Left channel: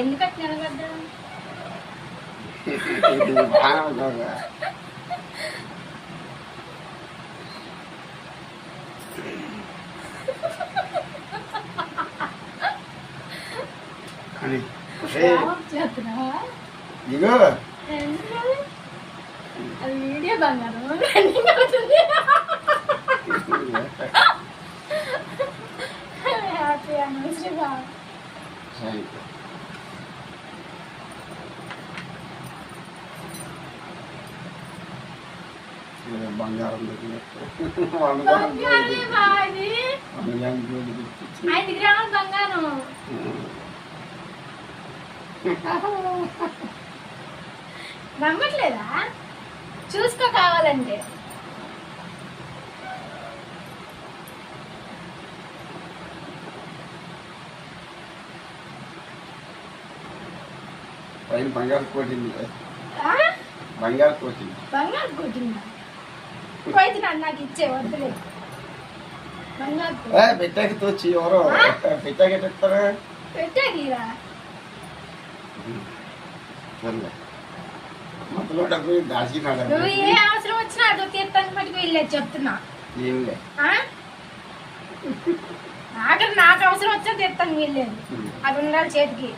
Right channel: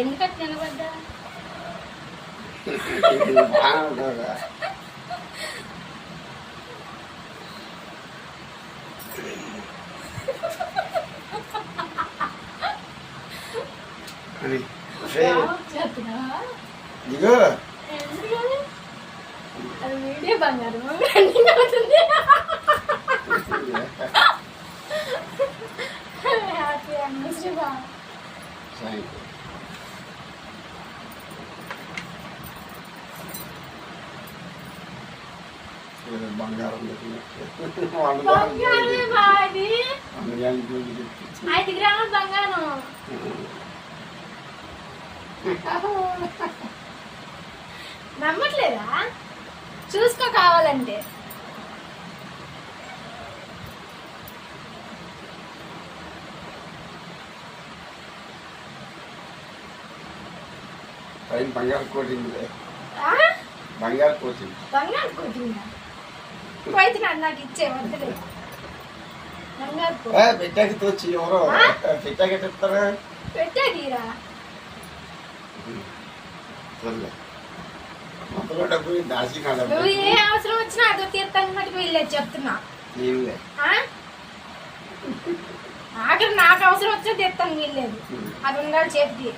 ఎందుకట్లా నిలబడ్డా అది వీడియో బంగారం హ్యాపీ అనివర్సరీ బాగా బంగారం 5 గ్రాముల బంగారం నమ్మట్లేదా చూసుకో కావాలంటే బంగారు కోటింది పోయితే నాకు ఇచ్చే వద్దులే బంగారు పెట్టాకి తోచి ఎవరో పెట్టాకి చెప్తారా పెట్టాకిరా మొత్తంలో డబ్బు దాచినాడు నువ్వు ఏ అవసరం వచ్చినా అదో తీర్థంగా మటుకు వెళ్ళేది చెప్తున్నా ఆఖరి నాకు అవసరం వచ్చినా తీర్థంగా వెళ్ళేది అది ఉండాలి చేతికి